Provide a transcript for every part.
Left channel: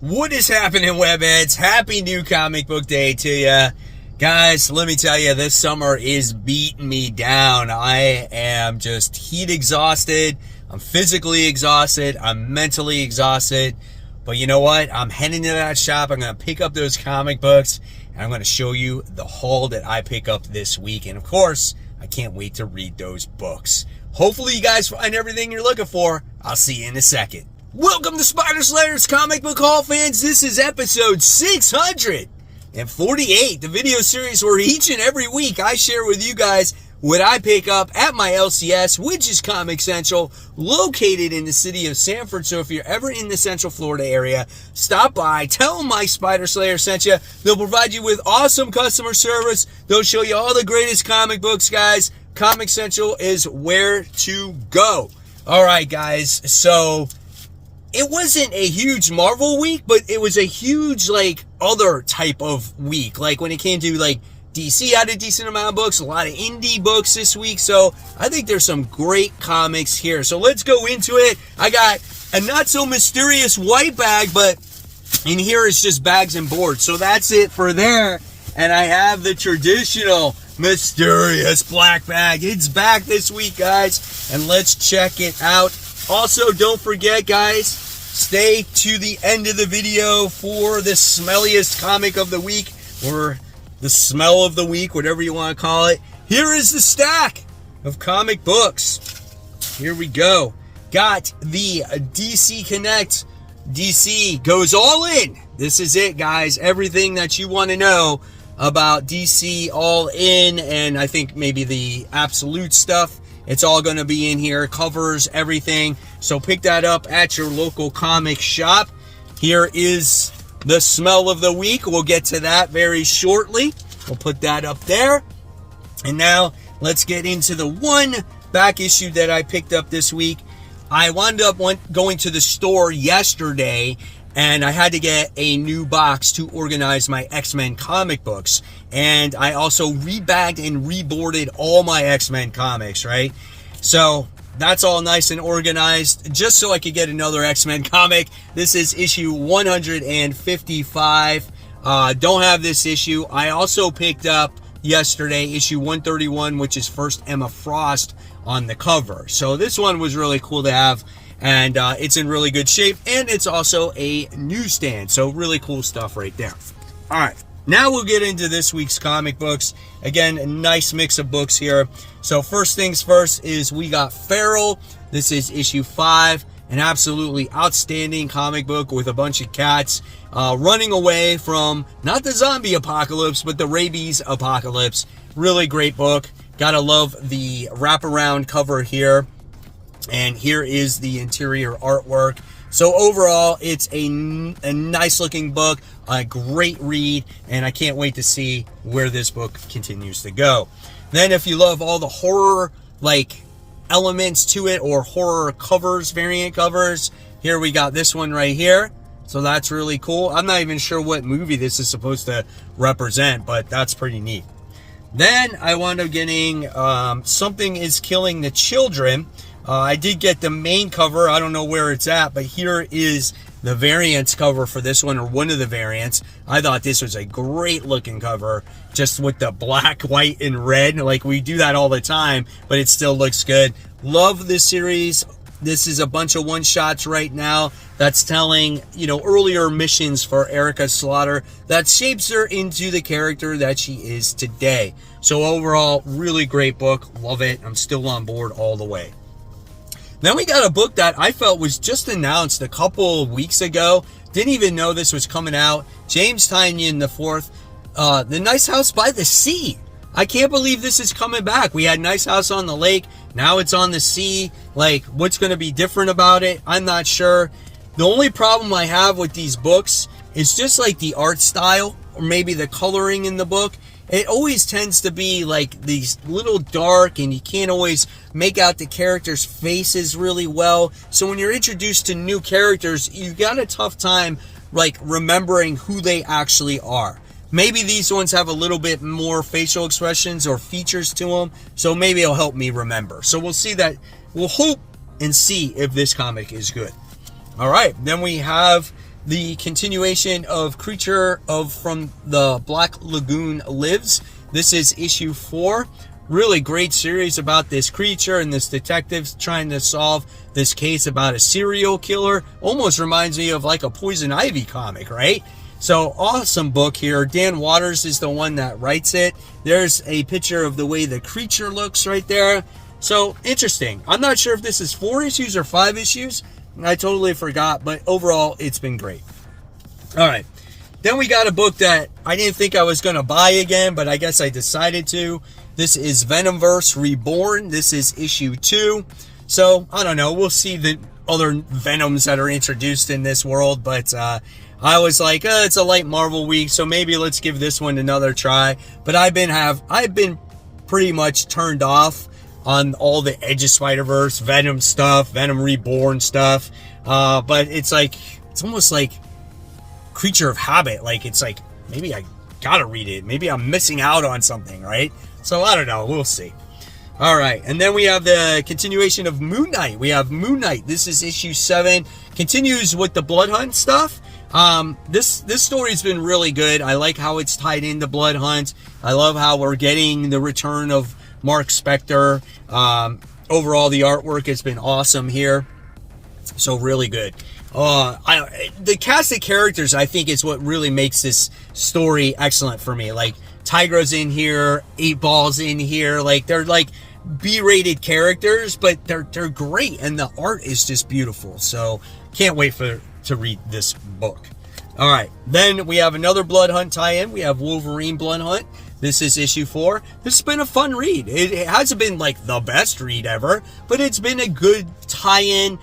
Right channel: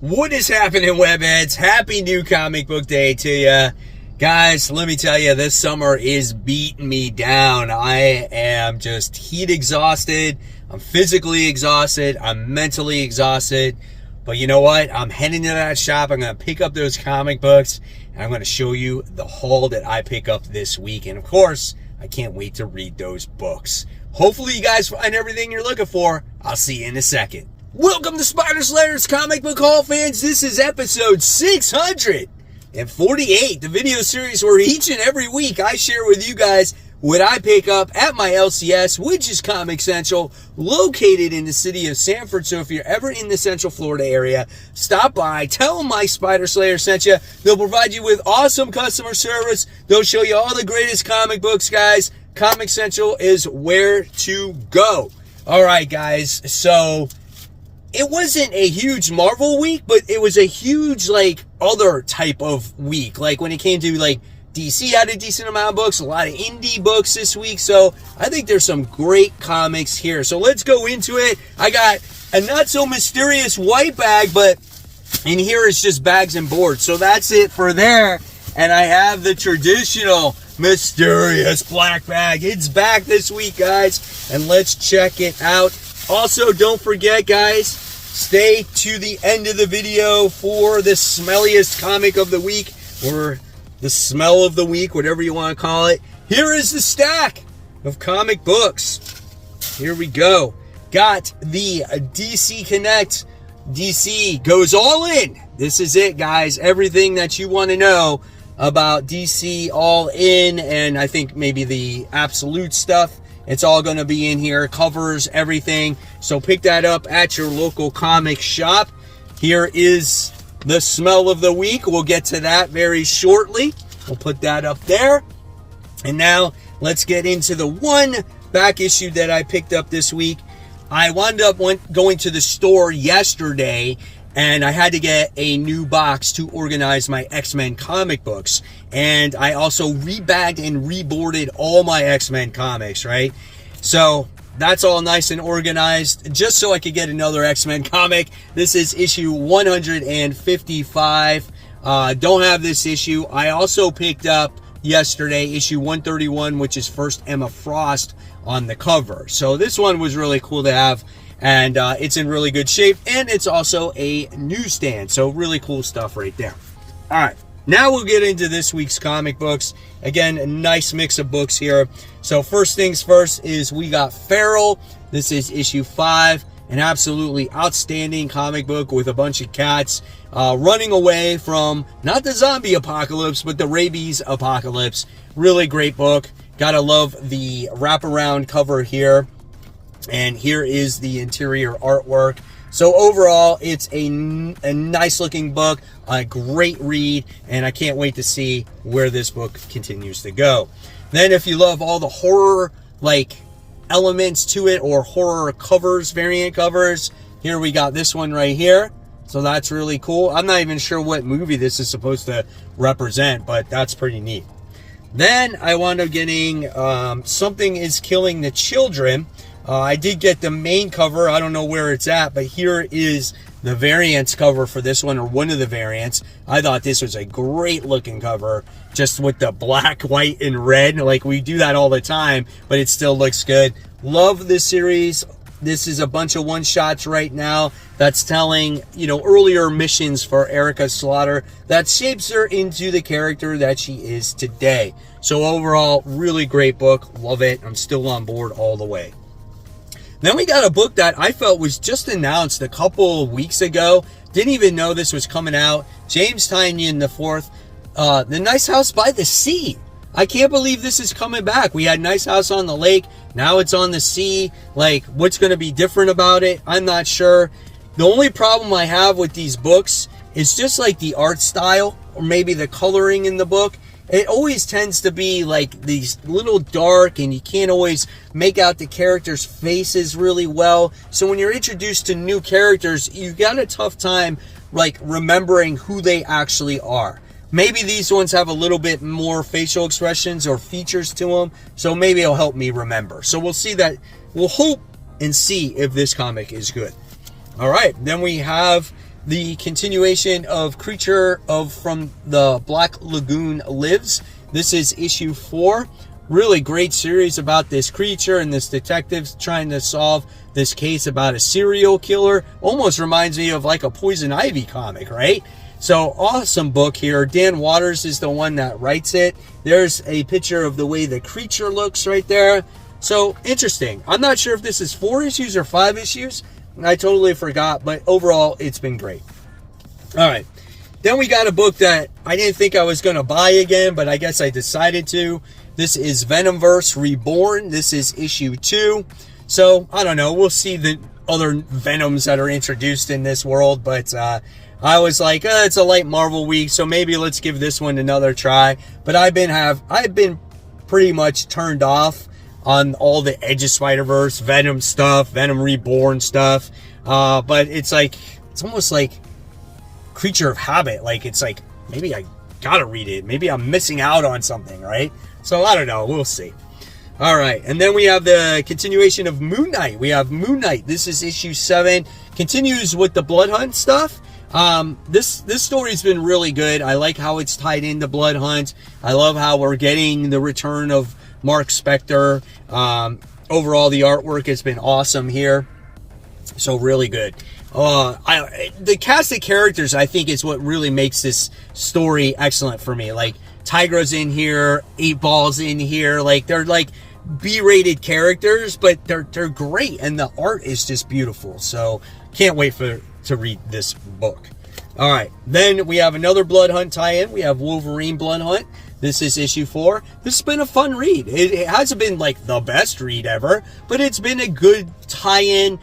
What is happening, webheads? Happy new comic book day to you. Guys, let me tell you, this summer is beating me down. I am just heat exhausted. I'm physically exhausted. I'm mentally exhausted. But you know what? I'm heading to that shop. I'm going to pick up those comic books. And I'm going to show you the haul that I pick up this week. And of course, I can't wait to read those books. Hopefully you guys find everything you're looking for. I'll see you in a second. Welcome to Spider Slayer's Comic Book Haul, fans. This is episode 648, the video series where each and every week I share with you guys what I pick up at my LCS, which is Comic Central, located in the city of Sanford. So if you're ever in the Central Florida area, stop by, tell them my Spider Slayer sent you. They'll provide you with awesome customer service. They'll show you all the greatest comic books, guys. Comic Central is where to go. All right, guys, so it wasn't a huge Marvel week, but it was a huge, other type of week. Like, when it came to, DC had a decent amount of books, a lot of indie books this week. So, I think there's some great comics here. So, let's go into it. I got a not-so-mysterious white bag, but in here it's just bags and boards. So, that's it for there. And I have the traditional mysterious black bag. It's back this week, guys. And let's check it out. Also, don't forget, guys, stay to the end of the video for the smelliest comic of the week, or the smell of the week, whatever you want to call it. Here is the stack of comic books. Here we go. Got the DC Connect. DC goes all in. This is it, guys. Everything that you want to know about DC all in, and I think maybe the absolute stuff. It's all going to be in here, covers, everything. So pick that up at your local comic shop. Here is the smell of the week. We'll get to that very shortly. We'll put that up there. And now let's get into the one back issue that I picked up this week. I wound up going to the store yesterday, and I had to get a new box to organize my X-Men comic books. And I also rebagged and reboarded all my X-Men comics, right? So that's all nice and organized, just so I could get another X-Men comic. This is issue 155. Don't have this issue. I also picked up yesterday issue 131, which is first Emma Frost on the cover. So this one was really cool to have. And it's in really good shape, and it's also a newsstand. So really cool stuff right there. All right, now we'll get into this week's comic books. Again, a nice mix of books here. So first things first is we got Feral. This is issue 5, an absolutely outstanding comic book with a bunch of cats running away from not the zombie apocalypse, but the rabies apocalypse. Really great book. Gotta love the wraparound cover here. And here is the interior artwork. So overall, it's a nice looking book, a great read, and I can't wait to see where this book continues to go. Then if you love all the horror elements to it, or horror covers, variant covers, here we got this one right here. So that's really cool. I'm not even sure what movie this is supposed to represent, but that's pretty neat. Then I wound up getting Something is Killing the Children. I did get the main cover. I don't know where it's at, but here is the variants cover for this one, or one of the variants. I thought this was a great looking cover, just with the black, white, and red. We do that all the time, but it still looks good. Love this series. This is a bunch of one-shots right now that's telling, earlier missions for Erica Slaughter that shapes her into the character that she is today. So overall, really great book. Love it. I'm still on board all the way. Then we got a book that I felt was just announced a couple of weeks ago. Didn't even know this was coming out. James Tynion IV, The Nice House by the Sea. I can't believe this is coming back. We had Nice House on the Lake. Now it's on the sea. What's going to be different about it? I'm not sure. The only problem I have with these books is just the art style, or maybe the coloring in the book. It always tends to be these little dark, and you can't always make out the characters' faces really well. So when you're introduced to new characters, you've got a tough time remembering who they actually are. Maybe these ones have a little bit more facial expressions or features to them, so maybe it'll help me remember. So we'll see that. We'll hope and see if this comic is good. All right, then we have the continuation of Creature from the Black Lagoon Lives. This is issue 4. Really great series about this creature and this detective trying to solve this case about a serial killer. Almost reminds me of like a Poison Ivy comic, right? So awesome book here. Dan Waters is the one that writes it. There's a picture of the way the creature looks right there. So interesting. I'm not sure if this is 4 issues or 5 issues. I totally forgot, but overall, it's been great. All right. Then we got a book that I didn't think I was going to buy again, but I guess I decided to. This is Venomverse Reborn. This is issue 2. So, I don't know. We'll see the other Venoms that are introduced in this world, but I was like, it's a light Marvel week, so maybe let's give this one another try. But I've been pretty much turned off on all the Edge of Spider-Verse, Venom stuff, Venom Reborn stuff. But it's almost like Creature of Habit. Like, it's like, maybe I gotta read it. Maybe I'm missing out on something, right? So, I don't know. We'll see. All right. And then we have the continuation of Moon Knight. We have Moon Knight. This is issue 7. Continues with the Blood Hunt stuff. This story's been really good. I like how it's tied into Blood Hunt. I love how we're getting the return of Mark Spector. Overall, the artwork has been awesome here. So really good. The cast of characters, I think, is what really makes this story excellent for me. Like, Tigra's in here, 8-Ball's in here. Like, they're like B-rated characters, but they're great, and the art is just beautiful. So can't wait to read this book. All right, then we have another Blood Hunt tie-in. We have Wolverine Blood Hunt. This is issue 4. This has been a fun read. It hasn't been like the best read ever, but it's been a good tie-in.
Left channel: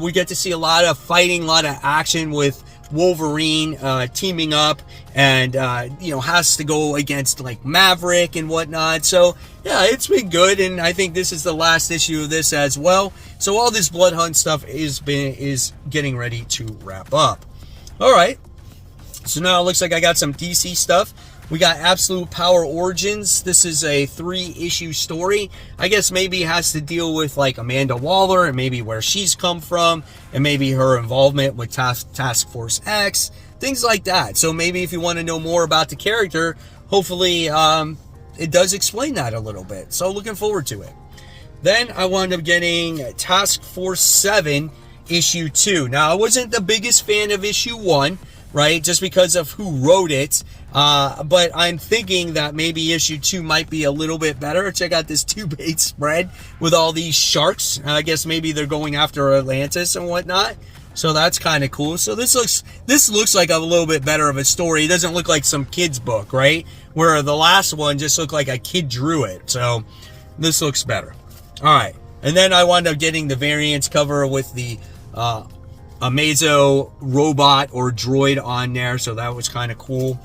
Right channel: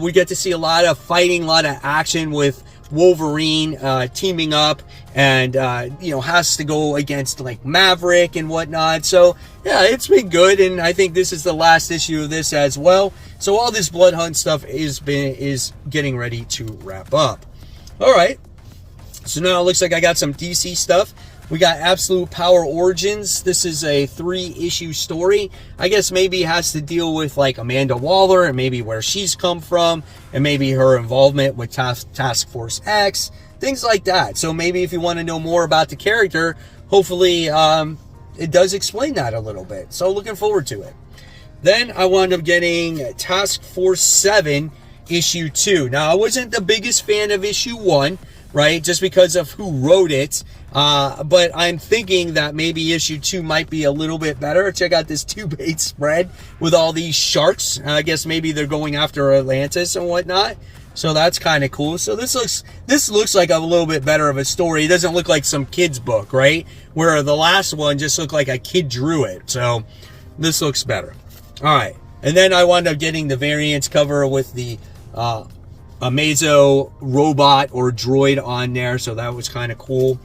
We get to see a lot of fighting, a lot of action with Wolverine teaming up and has to go against like Maverick and whatnot. So yeah, it's been good, and I think this is the last issue of this as well. So all this Blood Hunt stuff is getting ready to wrap up. All right, so now it looks like I got some DC stuff. We got Absolute Power Origins. This is a 3-issue story. I guess maybe it has to deal with like Amanda Waller and maybe where she's come from and maybe her involvement with Task Force X, things like that. So maybe if you want to know more about the character, hopefully it does explain that a little bit. So looking forward to it. Then I wound up getting Task Force 7 issue 2. Now, I wasn't the biggest fan of issue 1, right? Just because of who wrote it. But I'm thinking that maybe issue 2 might be a little bit better. Check out this 2-page spread with all these sharks. I guess maybe they're going after Atlantis and whatnot. So that's kind of cool. So this looks like a little bit better of a story. It doesn't look like some kid's book, right? Where the last one just looked like a kid drew it. So this looks better. All right. And then I wound up getting the variants cover with the Amazo robot or droid on there. So that was kind of cool.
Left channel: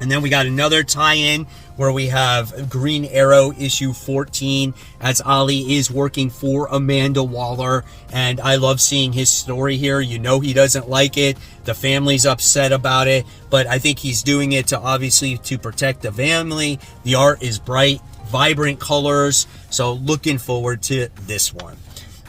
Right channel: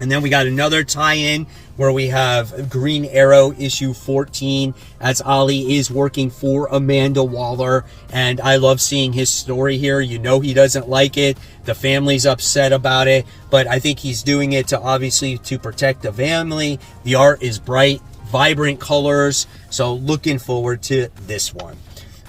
And then we got another tie-in where we have Green Arrow issue 14 as Ollie is working for Amanda Waller. And I love seeing his story here. You know he doesn't like it. The family's upset about it. But I think he's doing it to obviously to protect the family. The art is bright, vibrant colors. So looking forward to this one.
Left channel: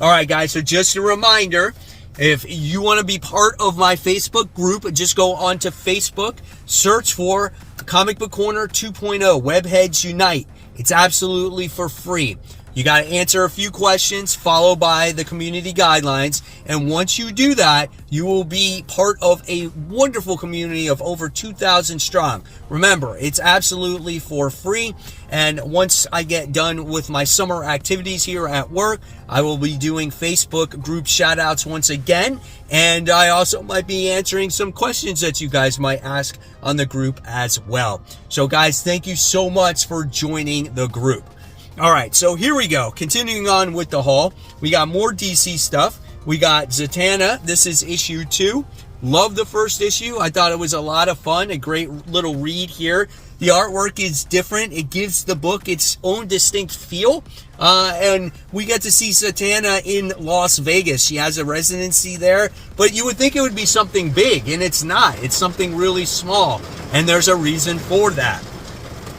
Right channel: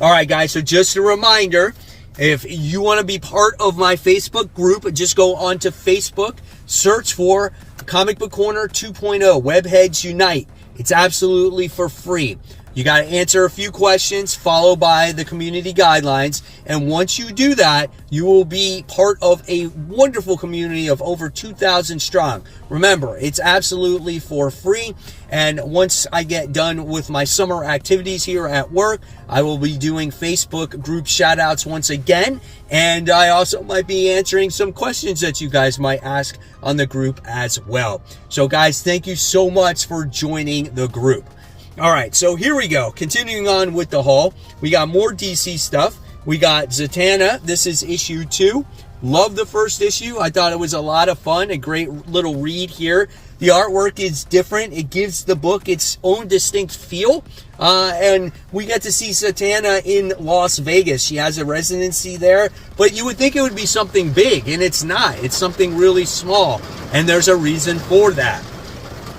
All right, guys. So just a reminder, if you want to be part of my Facebook group, just go on to Facebook, search for Comic Book Corner 2.0, Webheads Unite. It's absolutely for free. You got to answer a few questions, followed by the community guidelines. And once you do that, you will be part of a wonderful community of over 2,000 strong. Remember, it's absolutely for free. And once I get done with my summer activities here at work, I will be doing Facebook group shoutouts once again. And I also might be answering some questions that you guys might ask on the group as well. So guys, thank you so much for joining the group. All right, so here we go. Continuing on with the haul, we got more DC stuff. We got Zatanna. This is issue 2. Love the first issue. I thought it was a lot of fun. A great little read here. The artwork is different. It gives the book its own distinct feel. And we get to see Zatanna in Las Vegas. She has a residency there. But you would think it would be something big, and it's not. It's something really small. And there's a reason for that.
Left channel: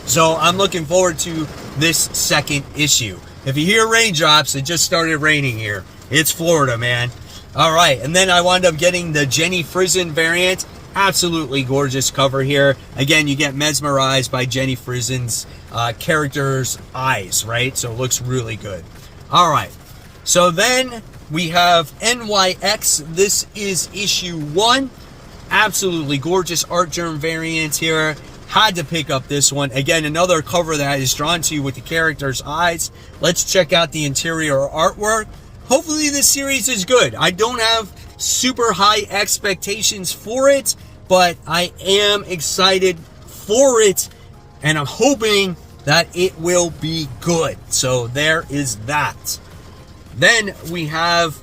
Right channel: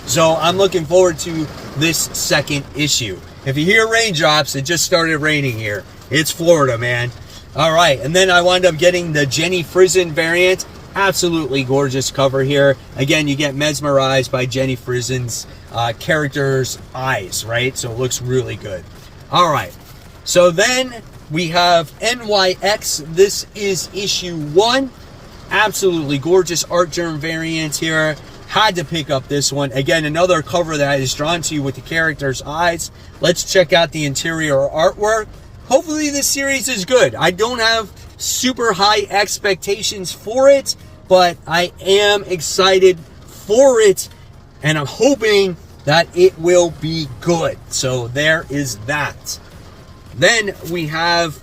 So I'm looking forward to this second issue. If you hear raindrops, it just started raining here. It's Florida, man. All right, and then I wound up getting the Jenny Frison variant. Absolutely gorgeous cover here. Again, you get mesmerized by Jenny Frison's character's eyes, right? So it looks really good. All right, so then we have NYX. This is issue 1. Absolutely gorgeous art germ variant here. Had to pick up this one. Again, another cover that is drawn to you with the character's eyes. Let's check out the interior artwork. Hopefully this series is good. I don't have super high expectations for it, but I am excited for it, and I'm hoping that it will be good. So there is that. Then we have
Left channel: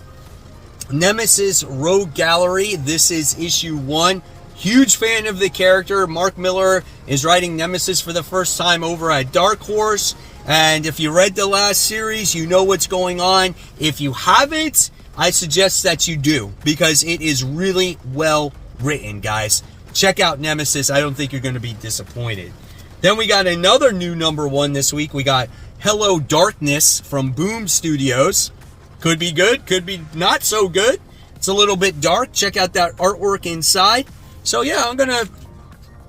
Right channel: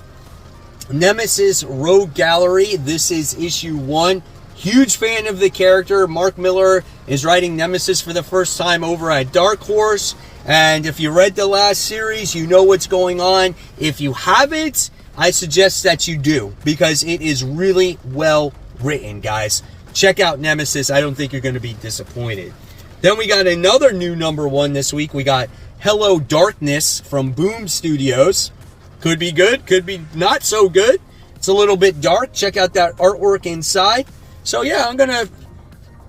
Nemesis Rogue Gallery. This is issue 1. Huge fan of the character. Mark Miller is writing Nemesis for the first time over at Dark Horse. And if you read the last series, you know what's going on. If you haven't, I suggest that you do, because it is really well written, guys. Check out Nemesis. I don't think you're going to be disappointed. Then we got another new #1 this week. We got Hello Darkness from Boom Studios. Could be good, could be not so good. It's a little bit dark. Check out that artwork inside. So yeah, I'm going to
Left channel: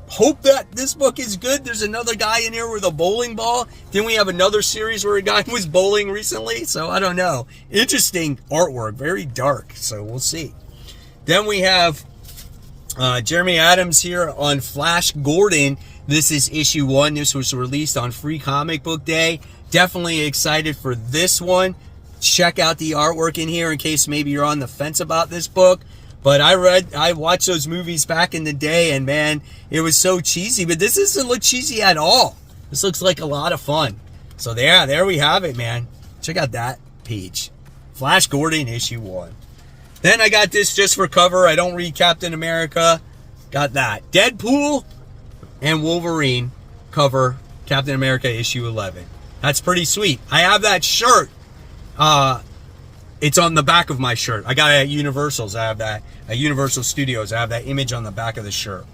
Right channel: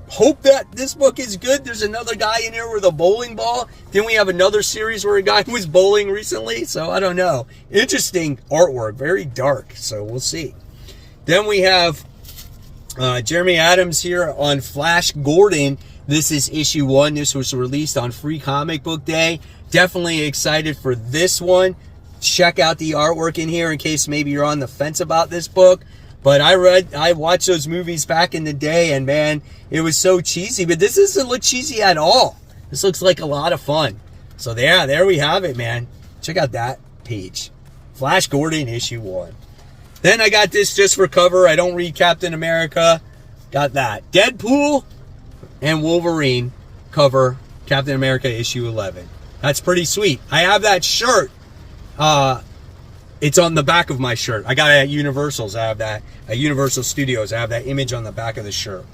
hope that this book is good. There's another guy in here with a bowling ball. Then we have another series where a guy was bowling recently. So I don't know. Interesting artwork. Very dark. So we'll see. Then we have Jeremy Adams here on Flash Gordon. This is issue 1. This was released on Free Comic Book Day. Definitely excited for this one. Check out the artwork in here in case maybe you're on the fence about this book. But I watched those movies back in the day, and man, it was so cheesy. But this doesn't look cheesy at all. This looks like a lot of fun. So there we have it, man. Check out that page. Flash Gordon, issue 1. Then I got this just for cover. I don't read Captain America. Got that. Deadpool and Wolverine cover, Captain America issue 11. That's pretty sweet. I have that shirt. It's on the back of my shirt. I got it at Universal's. I have that at Universal Studios. I have that image on the back of the shirt.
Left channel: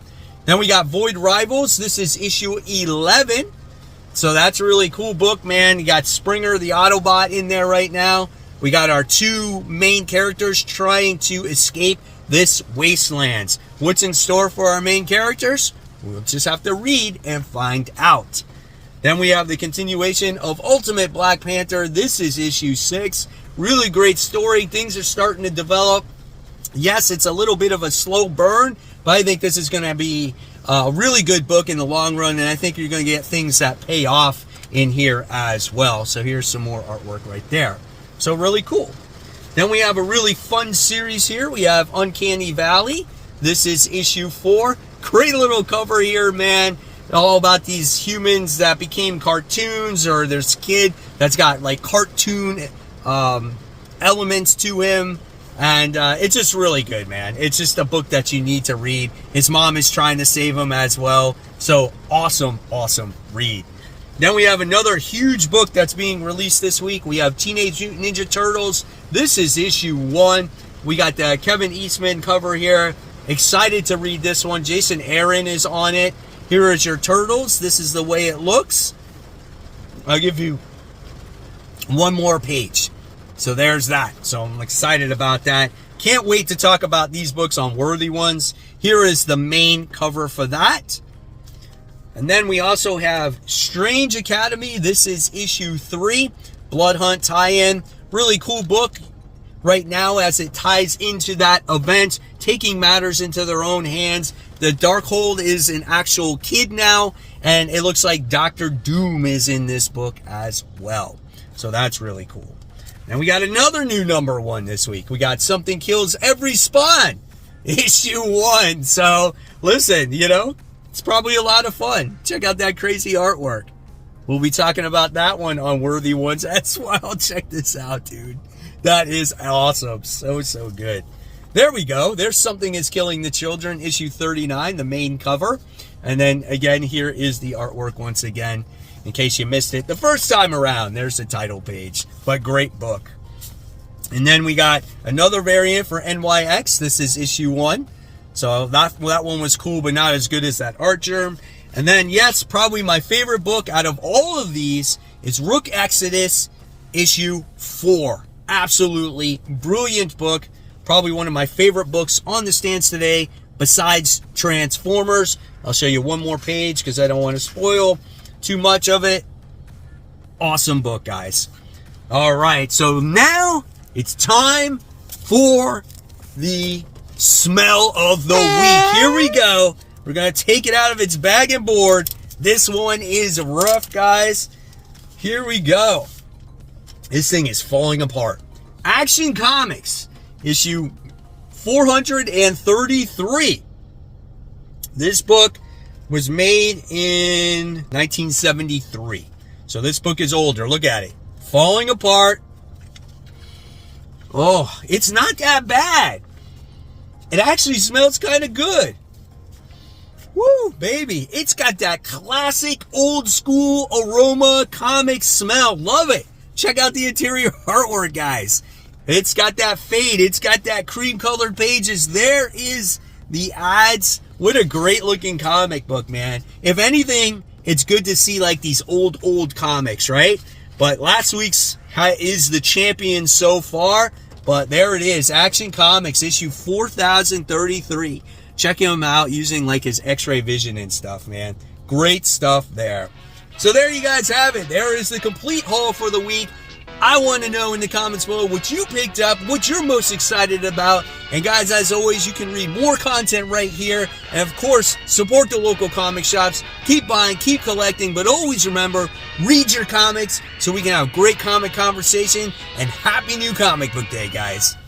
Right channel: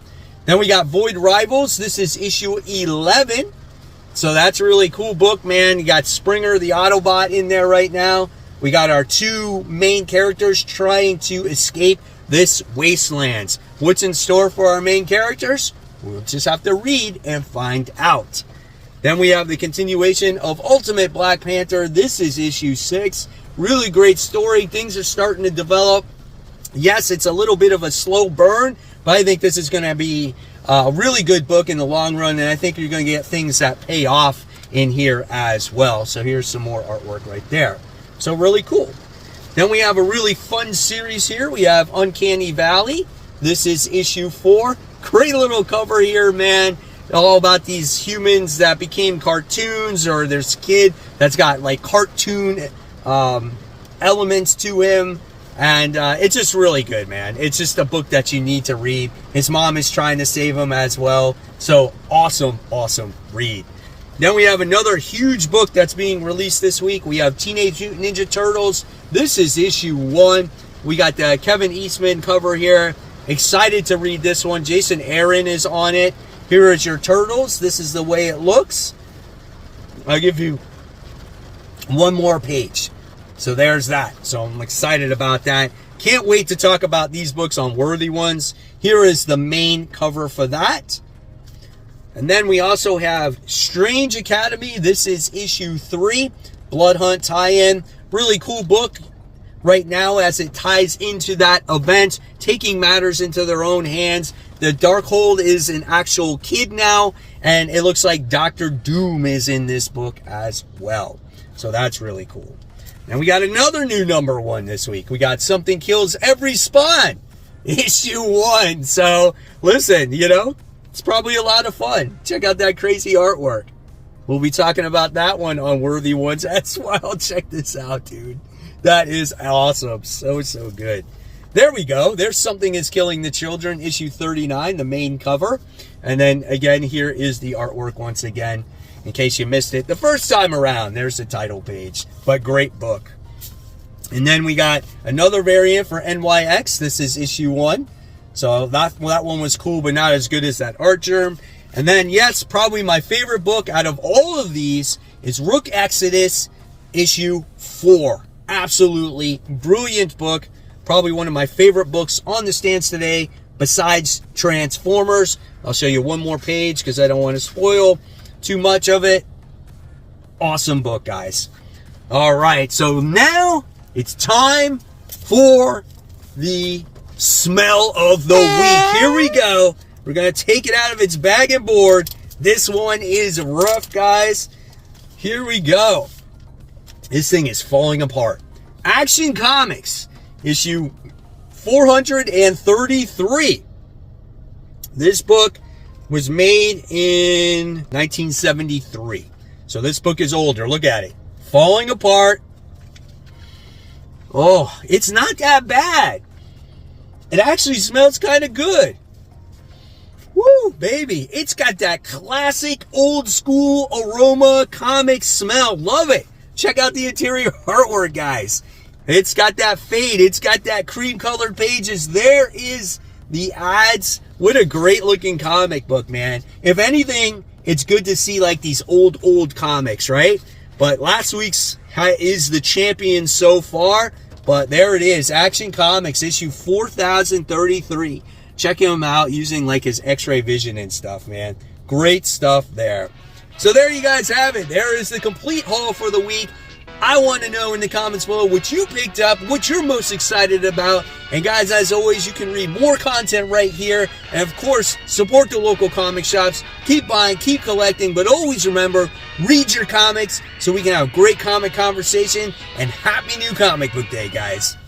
Then we got Void Rivals. This is issue 11. So that's a really cool book, man. You got Springer, the Autobot, in there right now. We got our 2 main characters trying to escape this wastelands. What's in store for our main characters? We'll just have to read and find out. Then we have the continuation of Ultimate Black Panther. This is issue 6. Really great story. Things are starting to develop. Yes, it's a little bit of a slow burn, but I think this is going to be a really good book in the long run, and I think you're going to get things that pay off in here as well. So here's some more artwork right there. So really cool. Then we have a really fun series here. We have Uncanny Valley. This is issue 4. Great little cover here, man. All about these humans that became cartoons, or there's a kid that's got like cartoon elements to him, and it's just really good, man. It's just a book that you need to read. His mom is trying to save him as well, so awesome read. Then we have another huge book that's being released this week. We have Teenage Mutant Ninja Turtles. This is issue 1. We got the Kevin Eastman cover here. Excited to read this one. Jason Aaron is on it. Here is your turtles. This is the way it looks. I'll give you one more page. So there's that. So I'm excited about that. Can't wait to talk about these books on Worthy Ones. Here is the main cover for that. And then we also have Strange Academy. This is issue 3. Blood Hunt tie-in. Really cool book right now as it ties into that event, taking matters into their own hands. The Darkhold is an actual kid now, and it looks like Dr. Doom is in this book as well. So that's really cool. Now we got another new #1 this week. We got Something Kills Every Spawn, issue 1. So listen, it's probably a lot of fun. Check out that crazy artwork. We'll be talking about that one on Worthy Ones as well. Check this out, dude. That is awesome. So good. There we go. There's Something Is Killing the Children, issue 39, the main cover. And then again, here is the artwork once again, in case you missed it the first time around. There's the title page. But great book. And then we got another variant for NYX. This is issue 1. So that one was cool, but not as good as that art germ. And then, yes, probably my favorite book out of all of these is Rook Exodus, issue 4. Absolutely brilliant book Probably one of my favorite books on the stands today, besides Transformers. I'll show you one more page because I don't want to spoil too much of it. Awesome book, guys. All right, so now it's time for the smell of the week. Here we go. We're going to take it out of its bag and board. This one is rough, guys. Here we go. This thing is falling apart. Action Comics, issue 433. This book was made in 1973. So this book is older. Look at it. Falling apart. Oh, it's not that bad. It actually smells kind of good. Woo, baby. It's got that classic old school aroma comic smell. Love it. Check out the interior artwork, guys. It's got that fade. It's got that cream colored pages. There is the ads. What a great looking comic book, man. If anything, it's good to see like these old comics, right? But last week's is the champion so far. But there it is. Action Comics, issue 4033. Check him out using like his x-ray vision and stuff, man. Great stuff there. So there you guys have it. There is the complete haul for the week. I want to know in the comments below what you picked up, what you're most excited about. And guys, as always, you can read more content right here. And of course, support the local comic shops. Keep buying, keep collecting, but always remember, read your comics so we can have great comic conversation. And happy new comic book day, guys.